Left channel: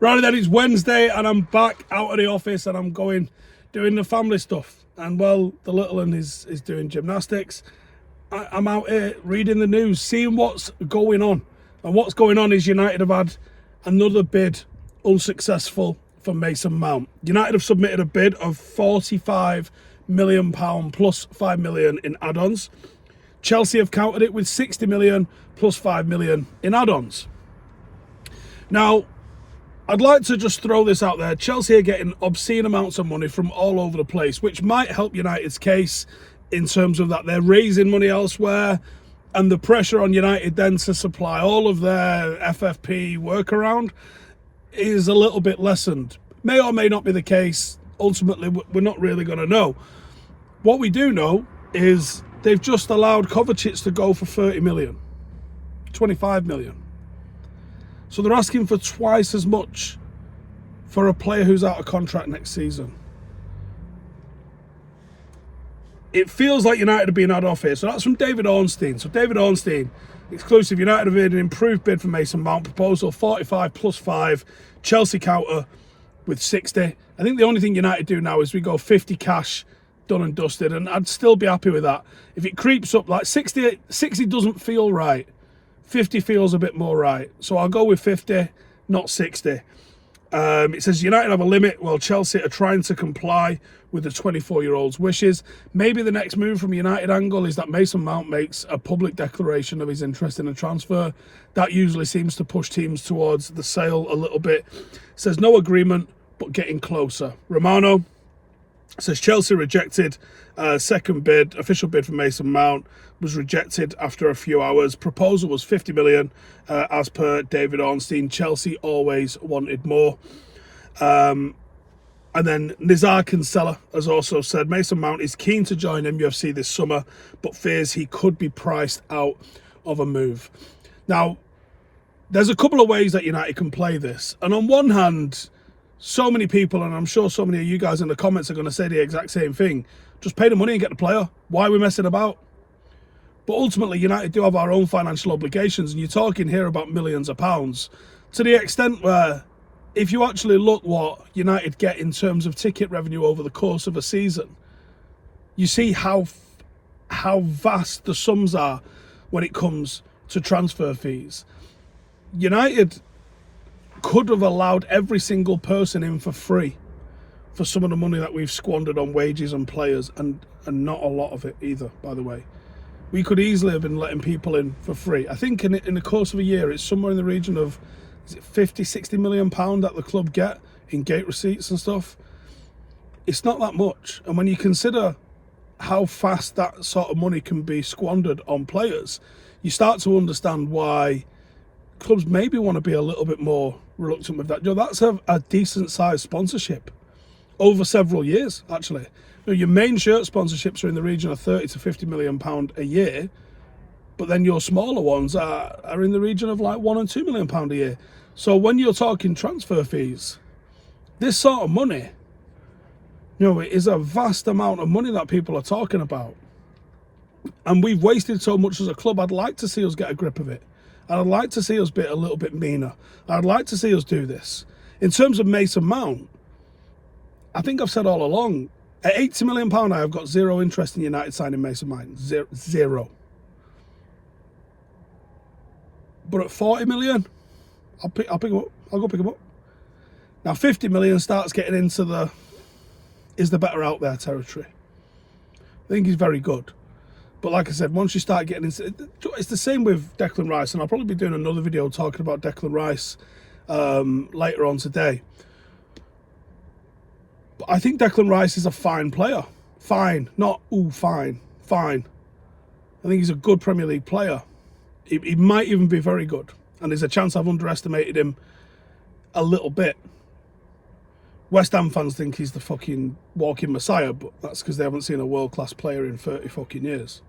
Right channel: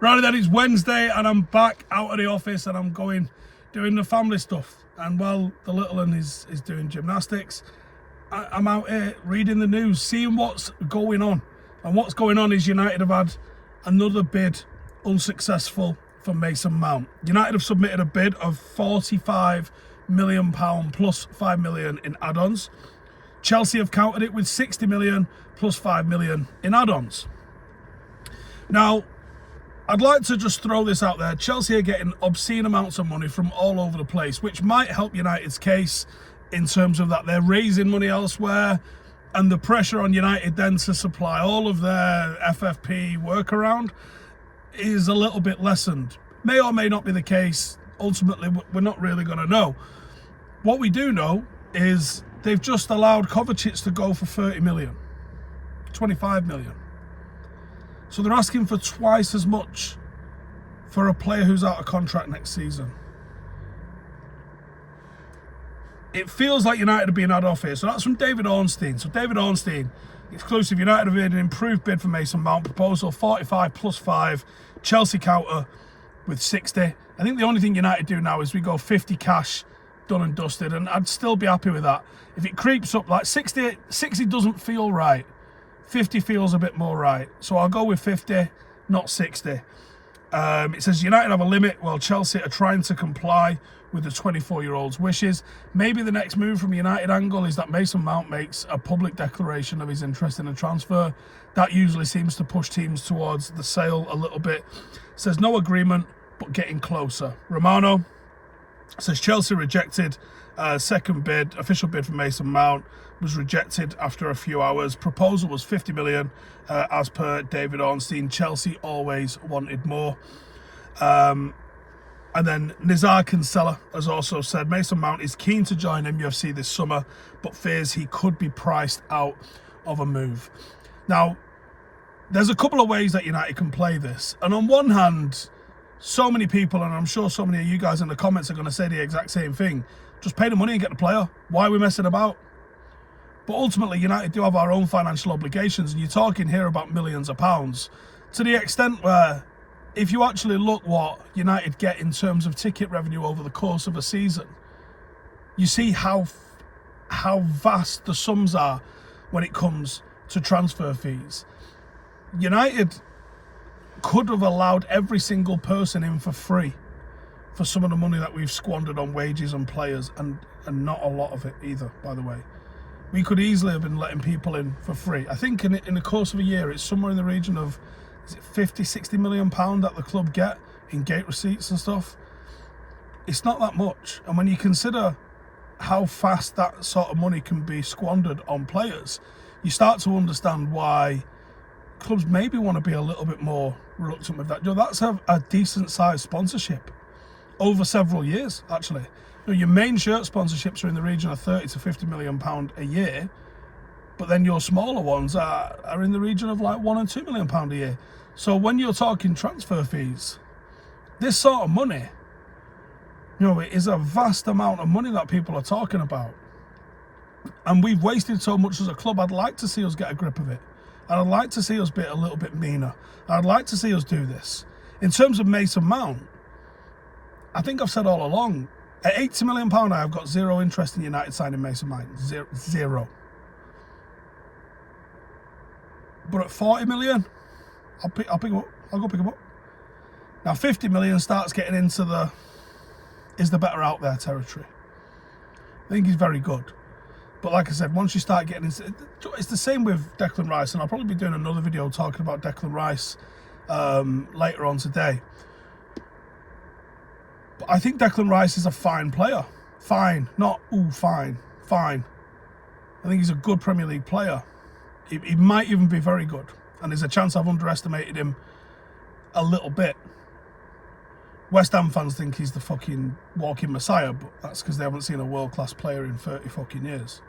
Right then, it's Wednesday and I'm back out of the office and I'm doing the family stuff. And well, the little one is doing gymnastics. I'm out here reading the news, seeing what's going on. And what's going on is United have had another bid unsuccessful for Mason Mount. United have submitted a bid of £45 million plus £5 million in add-ons. Chelsea have countered it with £60 million plus £5 million in add-ons. Now, I'd like to just throw this out there. Chelsea are getting obscene amounts of money from all over the place, which might help United's case in terms of that they're raising money elsewhere, and the pressure on United then to supply all of their FFP workaround is a little bit lessened. May or may not be the case. Ultimately, we're not really going to know. What we do know is they've just allowed Kovacic to go for 30 million, 25 million. So they're asking for twice as much for a player who's out of contract next season. It feels like United are being had off here. So that's from David Ornstein. So David Ornstein, exclusive, United have made an improved bid for Mason Mount. Proposal 45 plus 5. Chelsea counter with 60. I think the only thing United do now is we go 50 cash, done and dusted. And I'd still be happy with that. If it creeps up, like 60 doesn't feel right. 50 feels a bit more right. So I'll go with 50, not 60. It says United have a limit while Chelsea are trying to comply with the 24-year-old's wishes. Maybe the next move from United angle is that Mason Mount makes a public declaration of his interest in a transfer. That usually seems to push teams towards the sale a little bit. It says no agreement, but getting closer. Romano says Chelsea rejected second bid, official bid for Mason Mount was rejected after a few hours. Proposal was 50 million, as per David Ornstein. Chelsea always wanted more. And then Nizaar Kinsella has also said Mason Mount is keen to join MUFC this summer, but fears he could be priced out of a move. Now, there's a couple of ways that United can play this. And on one hand, so many people, and I'm sure so many of you guys in the comments are going to say the exact same thing. Just pay the money and get the player. Why are we messing about? But ultimately, United do have our own financial obligations, and you're talking here about millions of pounds, to the extent where if you actually look what United get in terms of ticket revenue over the course of a season, you see how vast the sums are when it comes to transfer fees. United could have allowed every single person in for free for some of the money that we've squandered on wages and players, and not a lot of it either, by the way. We could easily have been letting people in for free. I think in the course of a year, it's somewhere in the region of, is it 50, 60 million pound that the club get in gate receipts and stuff. It's not that much. And when you consider how fast that sort of money can be squandered on players, you start to understand why clubs maybe want to be a little bit more reluctant with that. You know, that's a decent sized sponsorship over several years, actually. You know, your main shirt sponsorships are in the region of 30 to 50 million pound a year, but then your smaller ones are in the region of like £1 and £2 million a year. So when you're talking transfer fees, this sort of money, you know, it is a vast amount of money that people are talking about. And we've wasted so much as a club. I'd like to see us get a grip of it. I'd like to see us be a little bit meaner. I'd like to see us do this. In terms of Mason Mount, I think I've said all along, at £80 million, I have got zero interest in United signing Mason Mount. Zero. But at 40 million, I'll pick him up. I'll go pick him up. Now 50 million starts getting into the is the better out there territory. I think he's very good. But like I said, once you start getting into it's the same with Declan Rice, and I'll probably be doing another video talking about Declan Rice later on today. But I think Declan Rice is a fine player. Fine. Not, ooh, fine. Fine. I think he's a good Premier League player. He might even be very good. And there's a chance I've underestimated him a little bit. West Ham fans think he's the fucking walking messiah, but that's because they haven't seen a world-class player in 30 fucking years.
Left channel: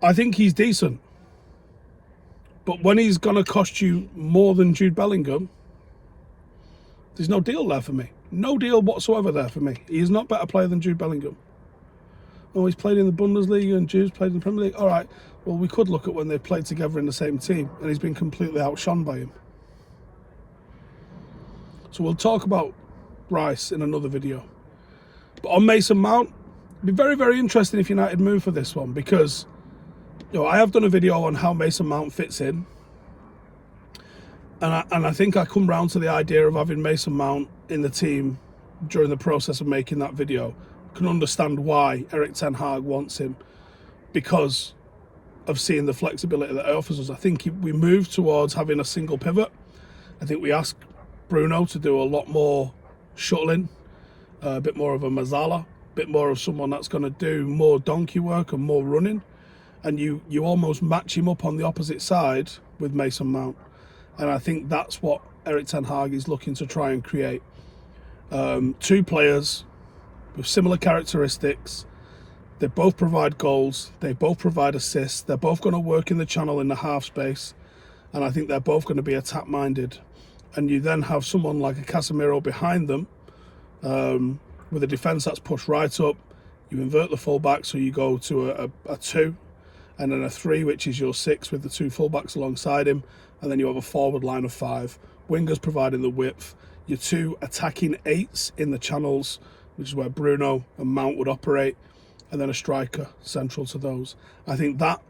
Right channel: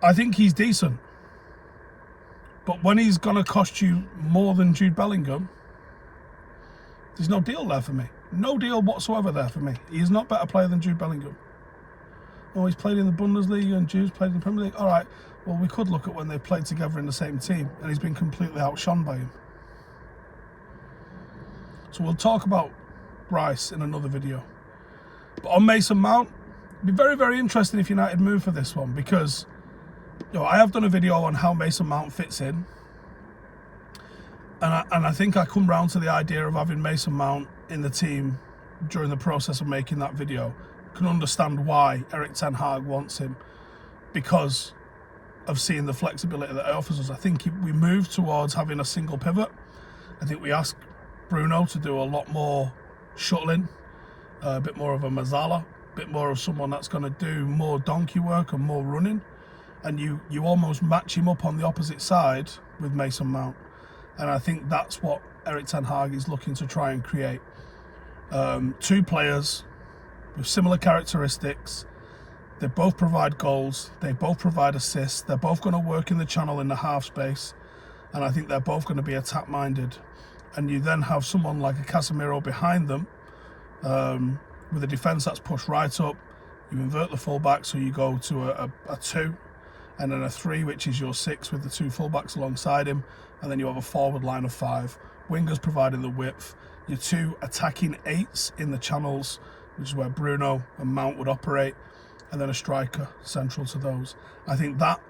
I think he's decent. But when he's going to cost you more than Jude Bellingham, there's no deal there for me. No deal whatsoever there for me. He is not a better player than Jude Bellingham. Oh, he's played in the Bundesliga and Jude's played in the Premier League. All right, well, we could look at when they played together in the same team, and he's been completely outshone by him. So we'll talk about Rice in another video. But on Mason Mount, it'd be very, very interesting if United move for this one, because I have done a video on how Mason Mount fits in. And I think I come round to the idea of having Mason Mount in the team during the process of making that video. I can understand why Erik ten Hag wants him, because of seeing the flexibility that it offers us. I think we move towards having a single pivot. I think we ask Bruno to do a lot more shuttling, a bit more of a Mazzala, a bit more of someone that's going to do more donkey work and more running. And you almost match him up on the opposite side with Mason Mount. And I think that's what Erik ten Hag is looking to try and create. Two players with similar characteristics. They both provide goals. They both provide assists. They're both going to work in the channel in the half space. And I think they're both going to be attack-minded. And you then have someone like a Casemiro behind them with a defence that's pushed right up. You invert the full-back, so you go to a 2 and then a 3, which is your 6 with the 2 full-backs alongside him. And then you have a forward line of 5. Wingers providing the width. Your 2 attacking 8s in the channels, which is where Bruno and Mount would operate. And then a striker central to those. I think that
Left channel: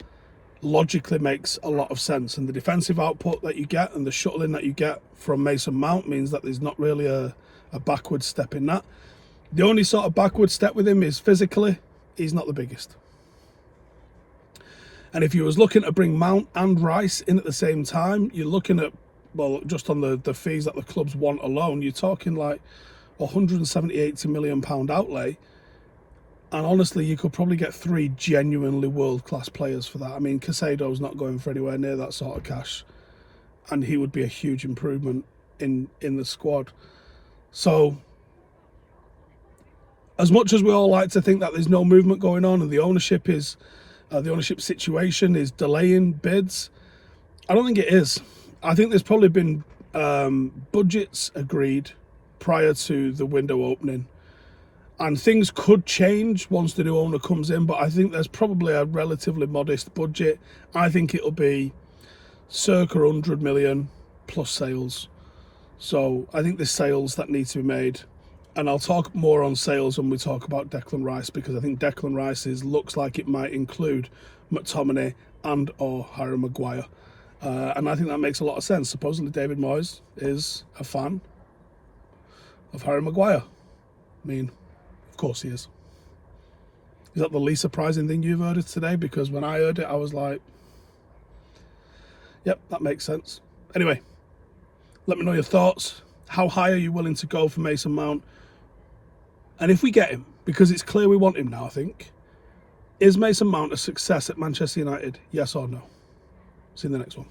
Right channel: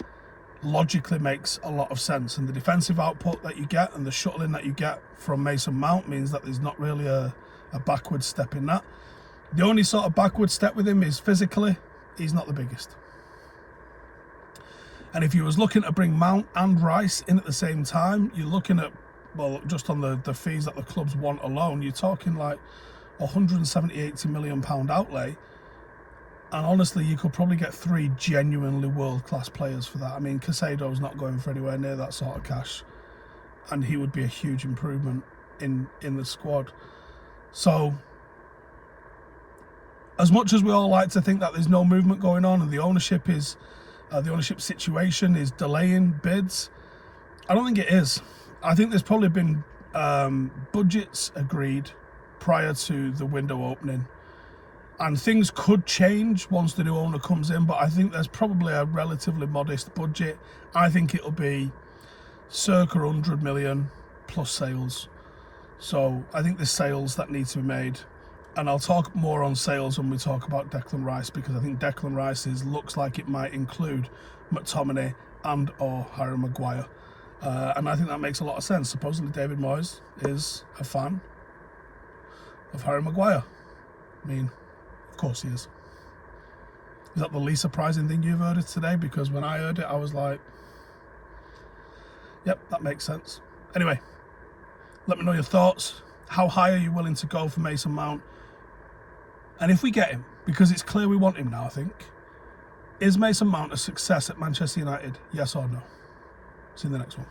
logically makes a lot of sense. And the defensive output that you get and the shuttling that you get from Mason Mount means that there's not really a backward step in that. The only sort of backward step with him is physically, he's not the biggest. And if you was looking to bring Mount and Rice in at the same time, you're looking at, well, just on the fees that the clubs want alone, you're talking like 170-80 million pound outlay. And honestly, you could probably get 3 genuinely world-class players for that. I mean, Casado's not going for anywhere near that sort of cash. And he would be a huge improvement in the squad. So, as much as we all like to think that there's no movement going on and the ownership is... the ownership situation is delaying bids, I don't think it is. I think there's probably been budgets agreed prior to the window opening, and things could change once the new owner comes in, but I think there's probably a relatively modest budget. I think it'll be circa 100 million plus sales. So I think there's sales that need to be made. And I'll talk more on sales when we talk about Declan Rice, because I think Declan Rice looks like it might include McTominay and or Harry Maguire. And I think that makes a lot of sense. Supposedly David Moyes is a fan of Harry Maguire. I mean, of course he is. Is that the least surprising thing you've heard today? Because when I heard it, I was like, yep, that makes sense. Anyway, let me know your thoughts. How high are you willing to go for Mason Mount? And if we get him, because it's clear we want him now, I think, is Mason Mount a success at Manchester United? Yes or no? See you in the next one.